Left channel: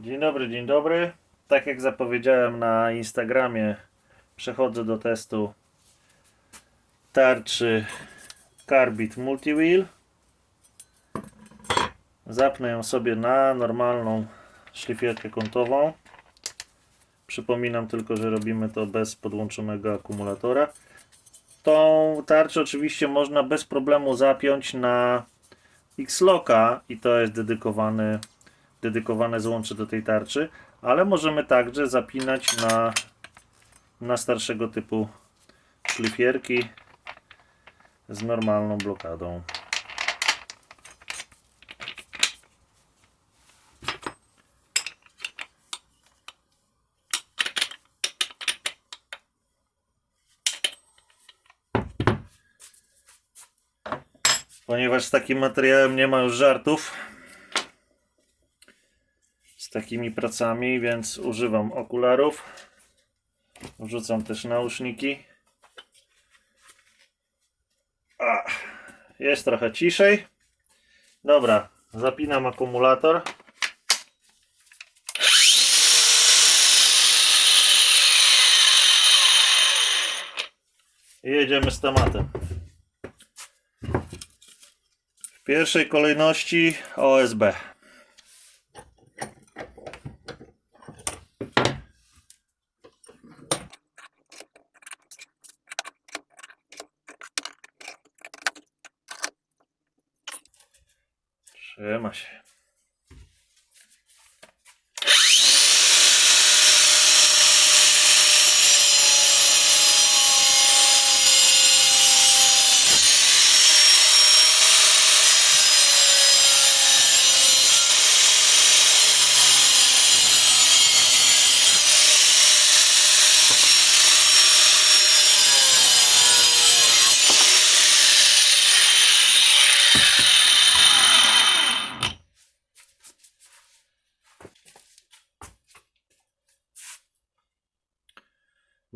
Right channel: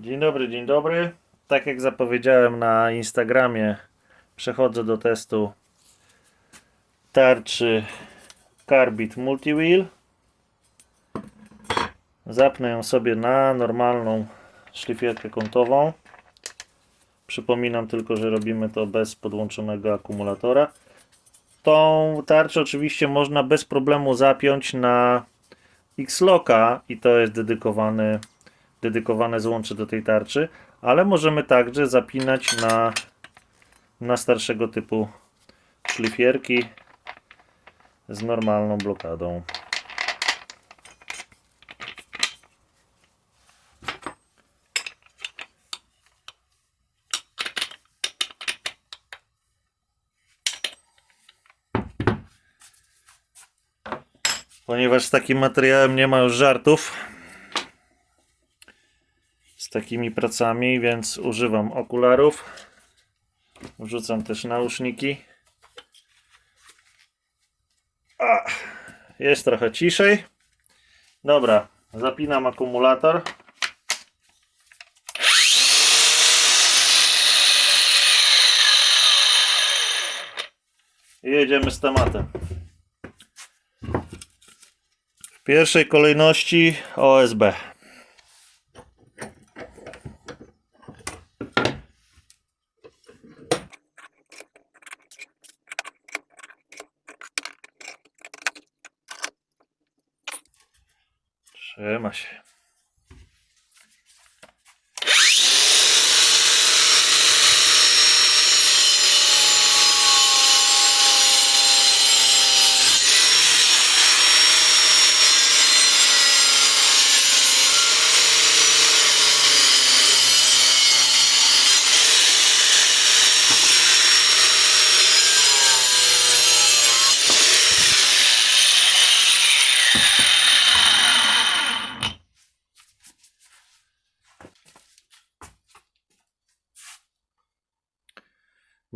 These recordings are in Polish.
Dzień dobry, dzień dobry. Tak jak zapowiedziałem na Instagramie, przechodzę do testu tarczy Carbit Multiwheel. Zapnę ją sobie na normalną szlifierkę kątową. Przypominam tylko, że robimy to bez podłączonego akumulatora. Tą tarczę oczywiście można bez problemu zapiąć na X-Locka i to jest dedykowany dedykowane złącze do tej tarczy, ale możemy także zapinać na, na starszego typu szlifierki z normalną blokadą. Ponieważ z takim materiałem nie ma już żartów, z takimi pracami, więc używam okularów. Wrzucam też nauszniki. Jest trochę ciszej. Dobra, zapinam akumulator. I jedziemy z tematem. W pierwszej kolejności OSB. Trzyma się.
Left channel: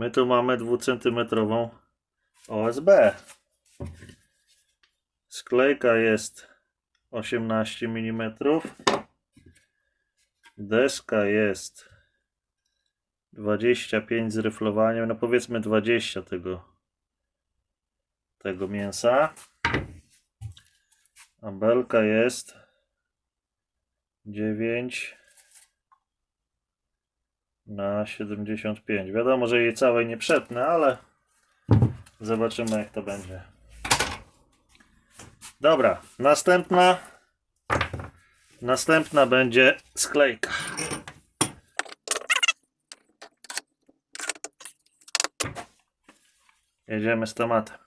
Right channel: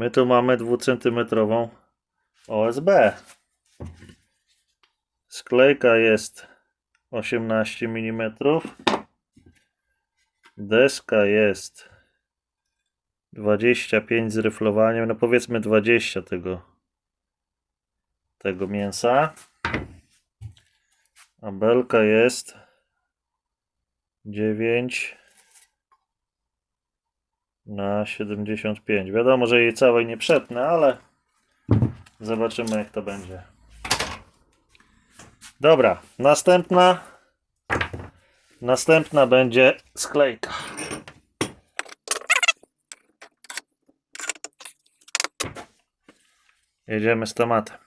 My tu mamy dwucentymetrową OSB. Sklejka jest 18 mm. Deska jest 25 z ryflowaniem, no powiedzmy 20 tego tego mięsa. A belka jest 9 na 75. Wiadomo, że jej całej nie przetnę, ale zobaczymy jak to będzie. Dobra, następna następna będzie sklejka. Jedziemy z tematem.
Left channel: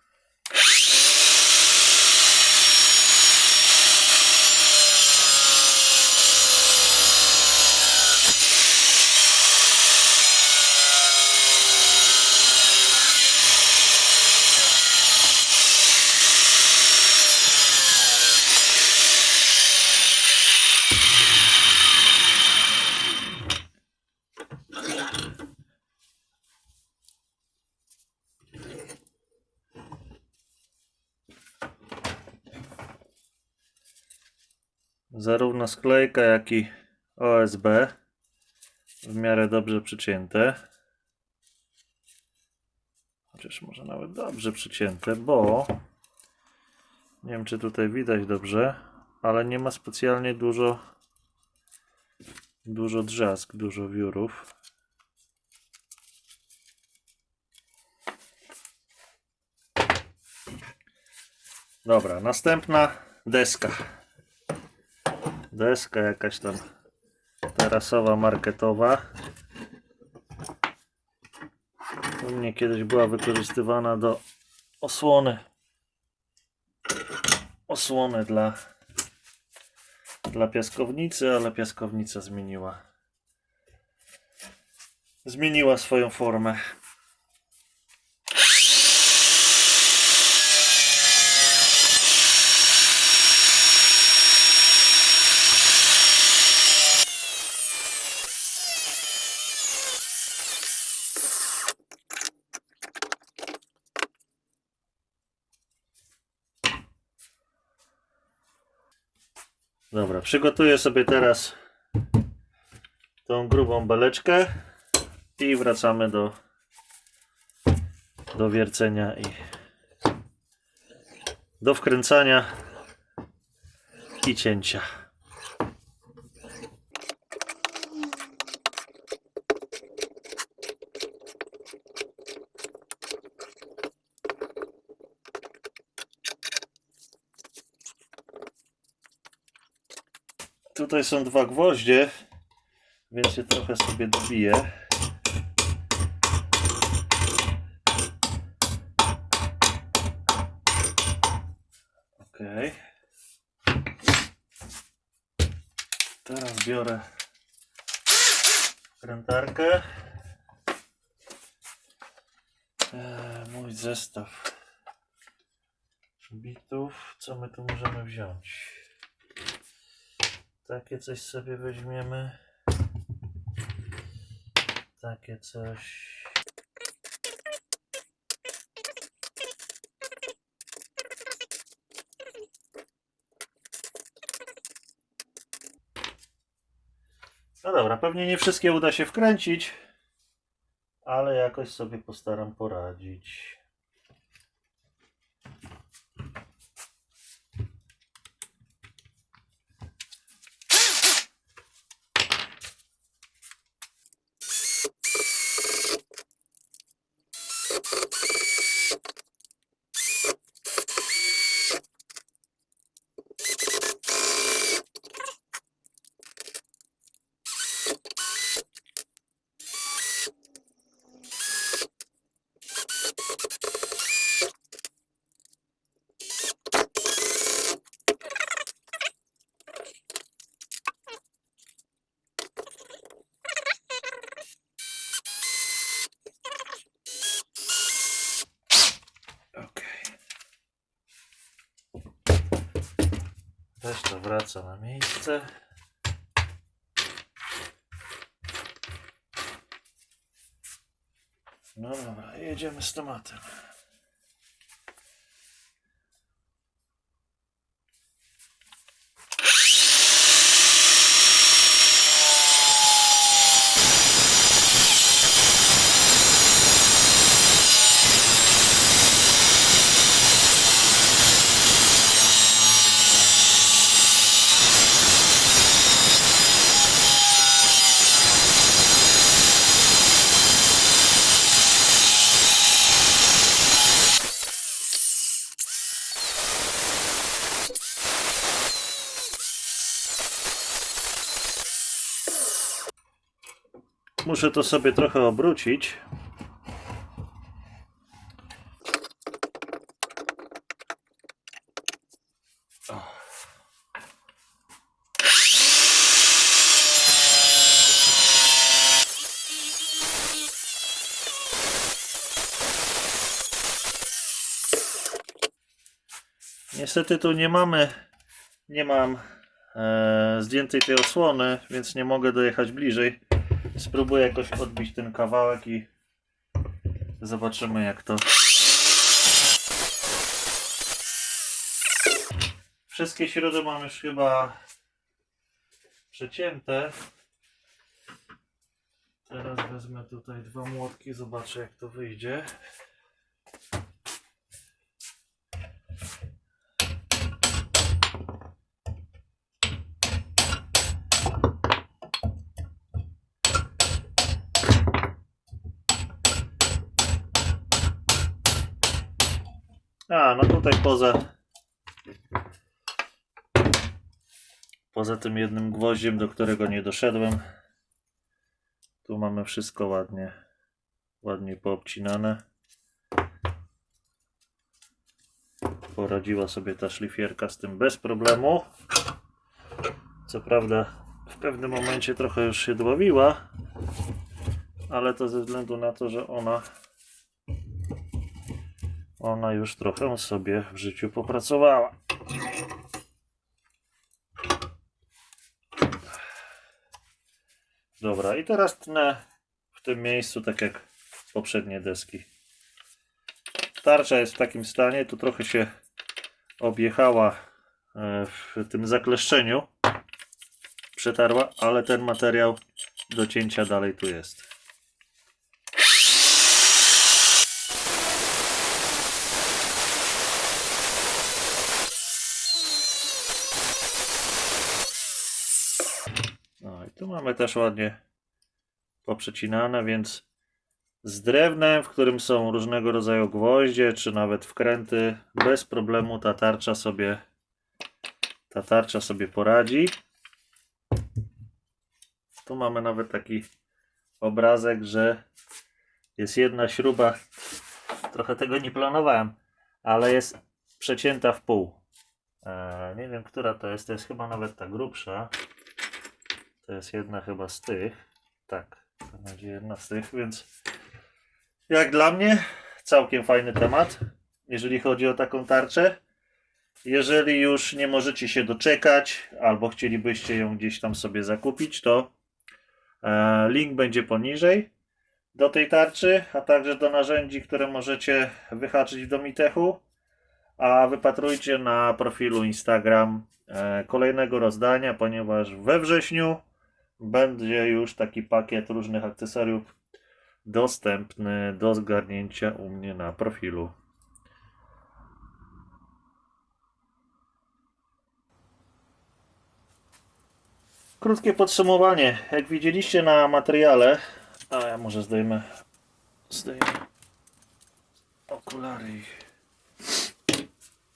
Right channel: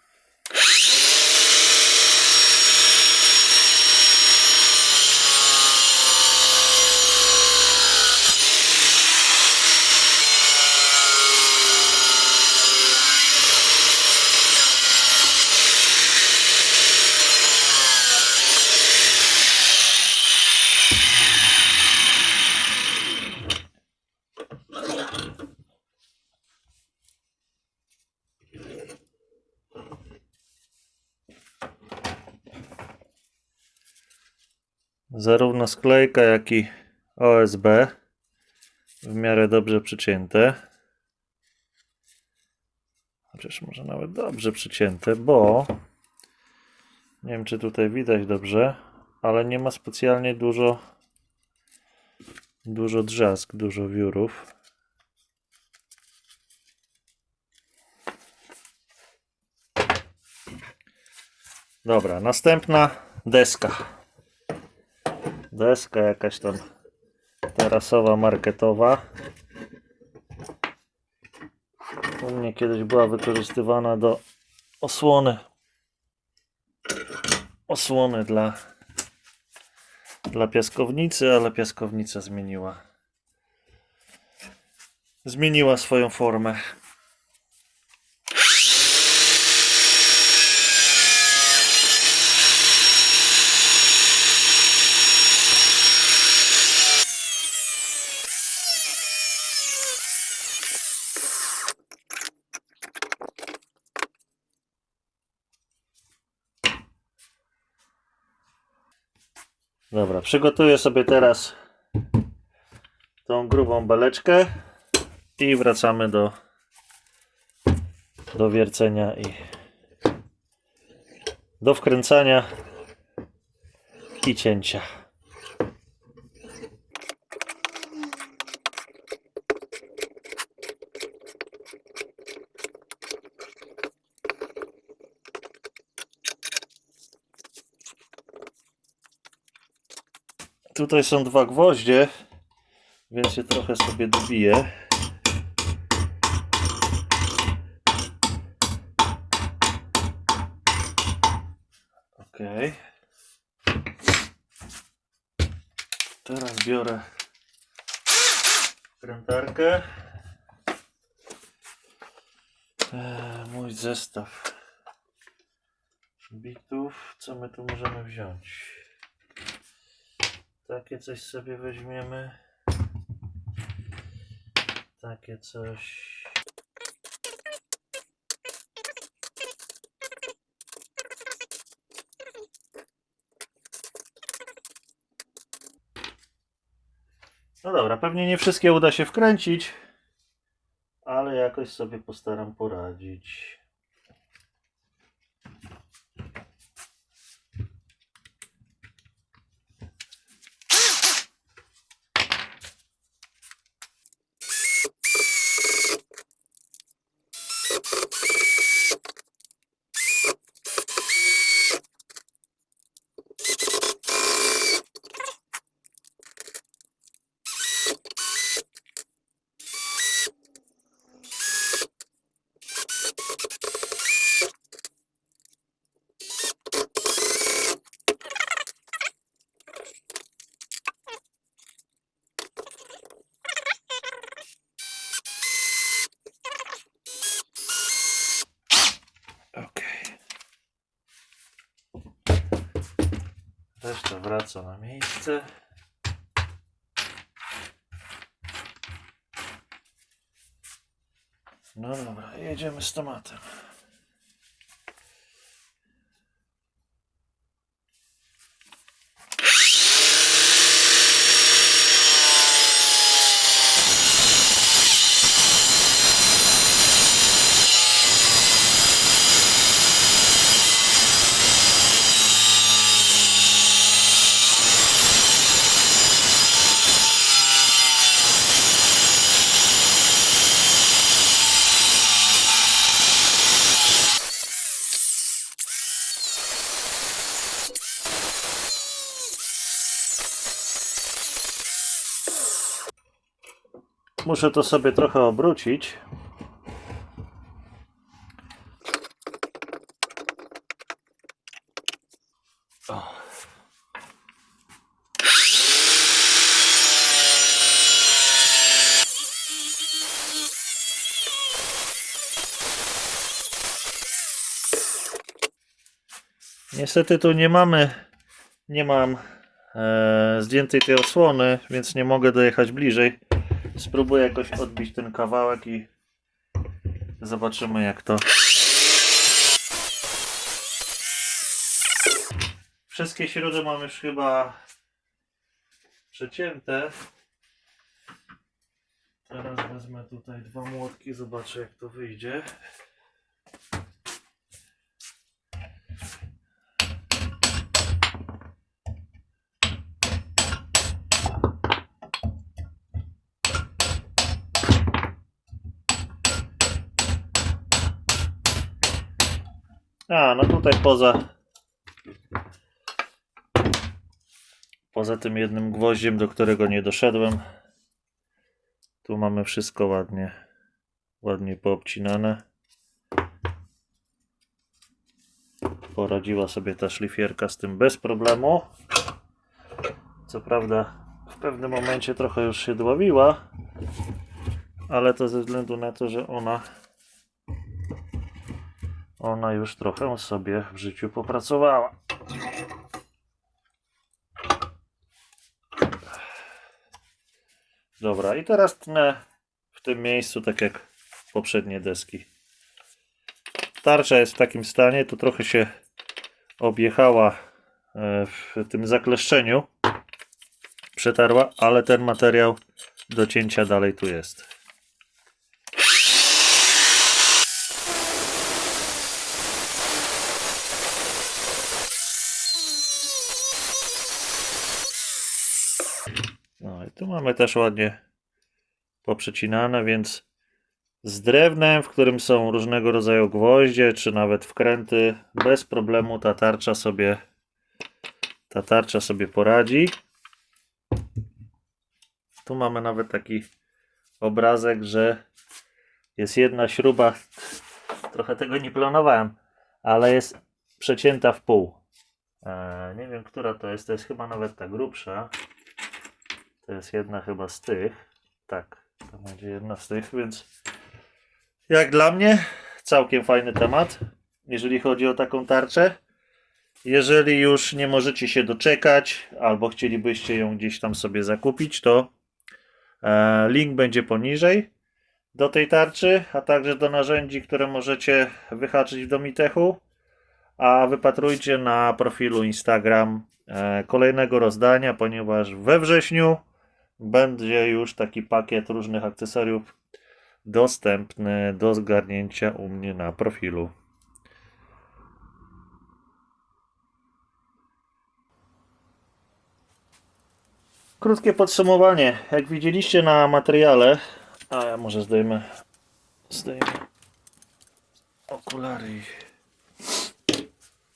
Zarówno sklejka, jak i OSB w miarę dobrze przycięte. Chociaż może nawet dobrze przycięte, bo nie wiem, czy tutaj widać dobrze, ale nie ma specjalnie dużo dużo drzask, dużo wiórów. Dobra, następna deska. Deska jakaś tam terasowa, marketowa. U mnie kiedyś była wykorzystywana do osłony. Osłony dla, dla piaskownicy, ale piaskownica zmieniła. Zmieniła swoją formę. Dobra, przygotuję sobie teraz tą grubą beleczkę i wracamy do, do wiercenia i do wkręcania i cięcia. Tutaj są dwa gwoździe, więc je trochę sobie dobiję. Ok. Teraz biorę wkrętarkę. Eee, mój zestaw bitów. Co my tu możemy wziąć? Takie coś sobie weźmiemy. Takie coś. No dobra, pewnie nie wszystkie uda się wkręcić, ale jakoś sobie postaram poradzić. Reszta wraca na miejsce. No dobra, jedziemy z tematem. Muszę to sobie trochę obrócić. Niestety tu nie mamy, nie mam e, zdjętej tej odsłony, więc nie mogę dojechać bliżej. Spróbuję jakoś odbić ten kawałek i zobaczymy jak to. Wszystkie śruby mam już chyba przecięte. Teraz wezmę tutaj dwa młotki, zobaczę jak to wyjdzie. A, no tutaj poza poza tym jednym gwoździem, do którego nie doszedłem. Tu mamy wszystko ładnie ładnie poobcinane. Poradziła sobie ta szlifierka z tym bez problemu. Co prawda w pewnym momencie trochę już się dławiła, ale to ze względu na to, że ona ona już trochę sobie w życiu popracowała. Dobra, i teraz tnę w tym miejscu, tak jak poprzednie deski. Tarcza jest w takim stanie, tu trochę się objechała e, w tym zakleszczeniu. Przetarła, ale ten materiał do cięcia dalej tu jest. No i tu mamy też ładnie poprzecinane, więc z drewnem, w którym są różnego rodzaju gwoździe, czy nawet wkręty, bez problemu ta tarcza sobie ta tarcza sobie poradzi. Tu mamy nawet taki obrazek, że jest jedna śruba, trochę tego nie planowałem, ale jest przecięta w pół. Eee, nie wiem, która to jest, to jest chyba nawet ta grubsza. To jest jedna chyba z tych. Tak, to będzie jedna z tych, więc jak dla mnie całkiem fajny temat, jeżeli chodzi o taką tarczę. Jeżeli już nie możecie się doczekać, albo chcielibyście ją gdzieś tam sobie zakupić, to e, link będzie poniżej do tej tarczy, a także do narzędzi, które możecie wyhaczyć w Domitechu. A wypatrujcie na profilu Instagram e, kolejnego rozdania, ponieważ we wrześniu będzie już taki pakiet różnych akcesoriów dostępny do zgarnięcia u mnie na profilu. Krótkie podsumowanie. Jak widzieliście na materiale, a ja może zdejmę, zdejmę okulary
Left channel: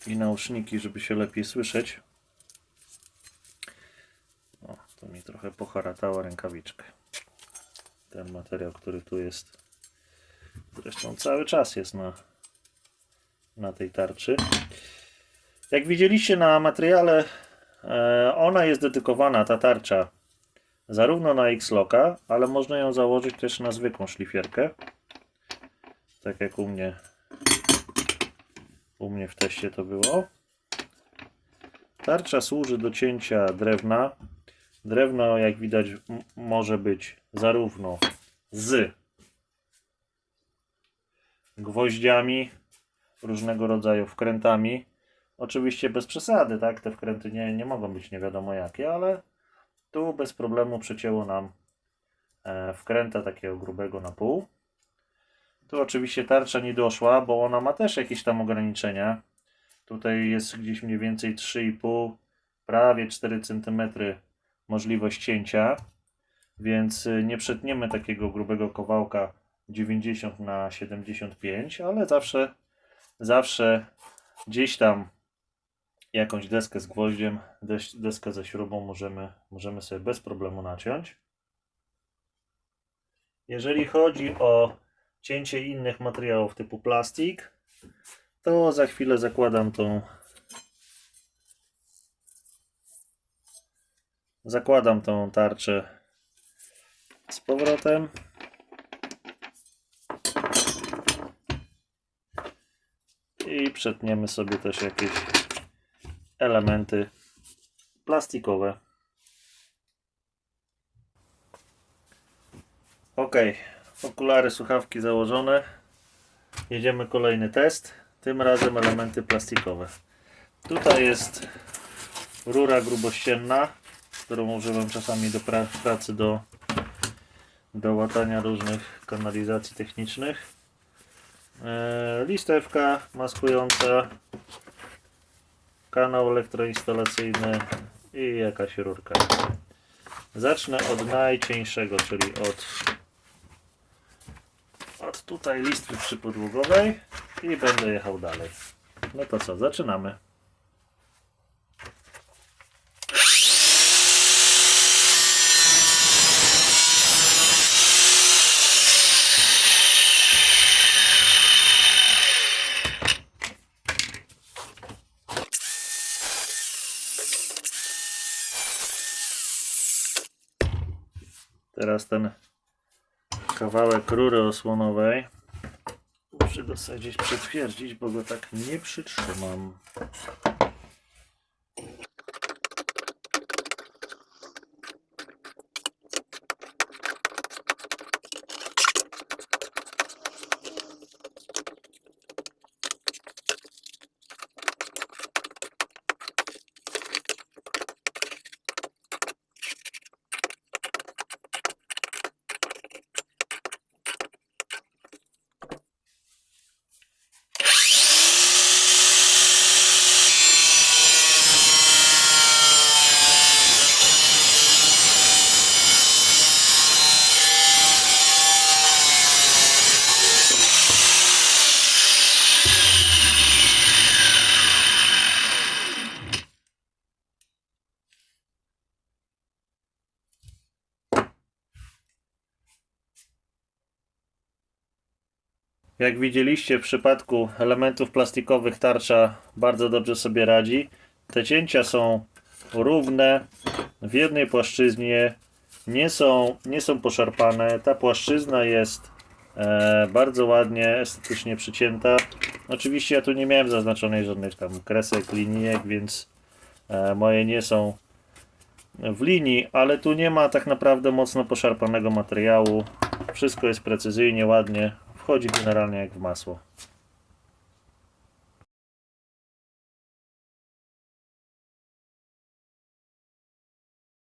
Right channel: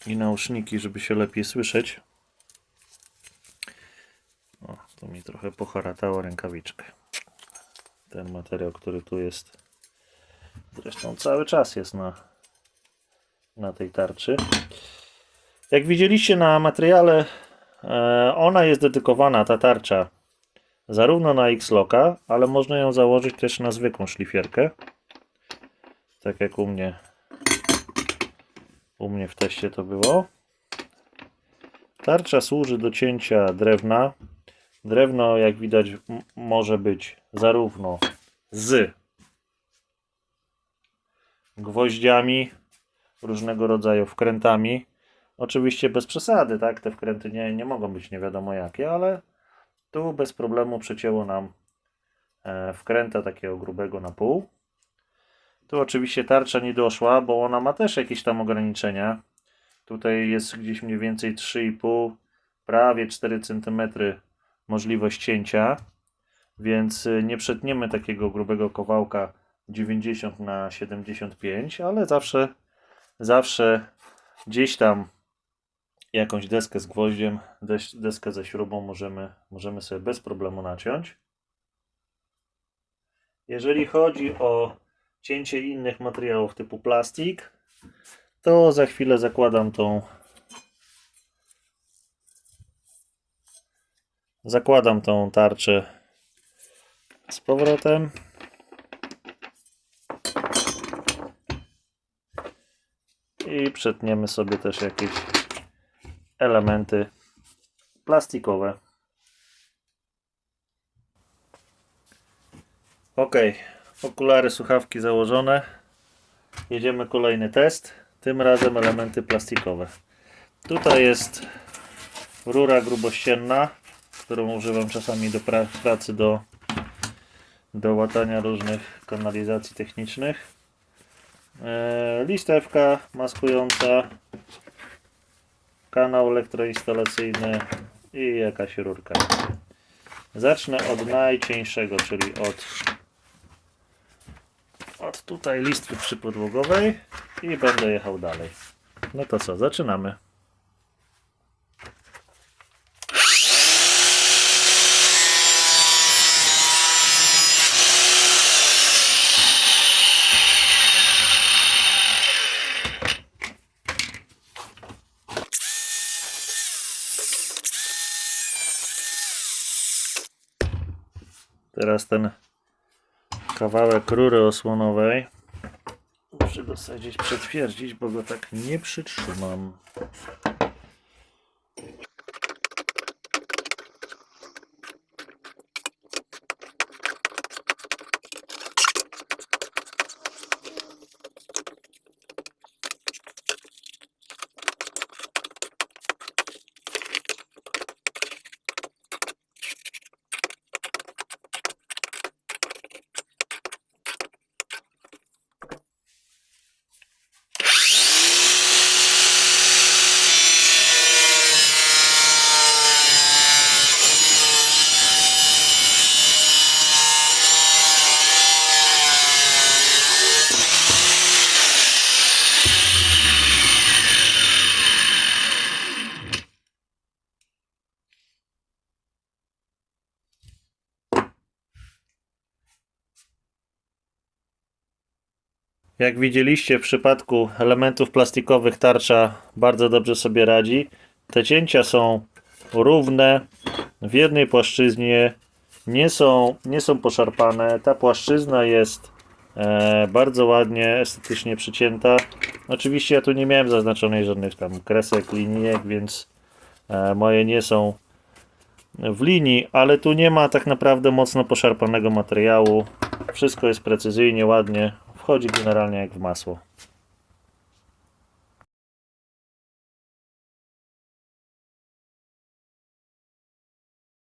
i, i nauszniki, żeby się lepiej słyszeć. O, to mi trochę poharatało rękawiczkę. Ten materiał, który tu jest, zresztą cały czas jest na, na tej tarczy. Jak widzieliście na materiale, E, Ona jest dedykowana, ta tarcza, zarówno na X-Locka, ale można ją założyć też na zwykłą szlifierkę. Tak jak u mnie, u mnie w teście to było. Tarcza służy do cięcia drewna. Drewno, jak widać, może być zarówno z gwoździami, różnego rodzaju wkrętami, Oczywiście bez przesady, tak? Te wkręty nie, nie mogą być nie wiadomo jakie, ale tu bez problemu przecięło nam e, wkręta takiego grubego na pół. Tu oczywiście tarcza nie doszła, bo ona ma też jakieś tam ograniczenia. Tutaj jest gdzieś mniej więcej 3,5, prawie 4 cm możliwość cięcia, więc y, nie przetniemy takiego grubego kawałka 90 na 75, ale zawsze, zawsze gdzieś tam jakąś deskę z gwoździem, des- deskę ze śrubą możemy, możemy sobie bez problemu naciąć. Jeżeli chodzi o cięcie innych materiałów typu plastik, to za chwilę zakładam tą zakładam tą tarczę z powrotem. I przetniemy sobie też jakieś elementy plastikowe. Ok, okulary, słuchawki założone. Jedziemy kolejny test. Tym razem elementy plastikowe. Tutaj jest rura grubościenna, którą używam czasami do pra pracy do, do łatania różnych kanalizacji technicznych. E, listewka maskująca kanał elektroinstalacyjny i jakaś rurka. Zacznę od najcieńszego, czyli od, od tutaj listwy przypodłogowej i będę jechał dalej. No to co, zaczynamy. Teraz ten kawałek rury osłonowej muszę dosadzić, przetwierdzić, bo go tak nie przytrzymam. Jak widzieliście w przypadku elementów plastikowych tarcza bardzo dobrze sobie radzi. Te cięcia są równe w jednej płaszczyźnie, nie są, nie są poszarpane. Ta płaszczyzna jest e, bardzo ładnie, estetycznie przycięta. Oczywiście ja tu nie miałem zaznaczonej żadnych tam kresek, linijek, więc e, moje nie są w linii, ale tu nie ma tak naprawdę mocno poszarpanego materiału. Wszystko jest precyzyjnie, ładnie. Wchodzi generalnie jak w masło.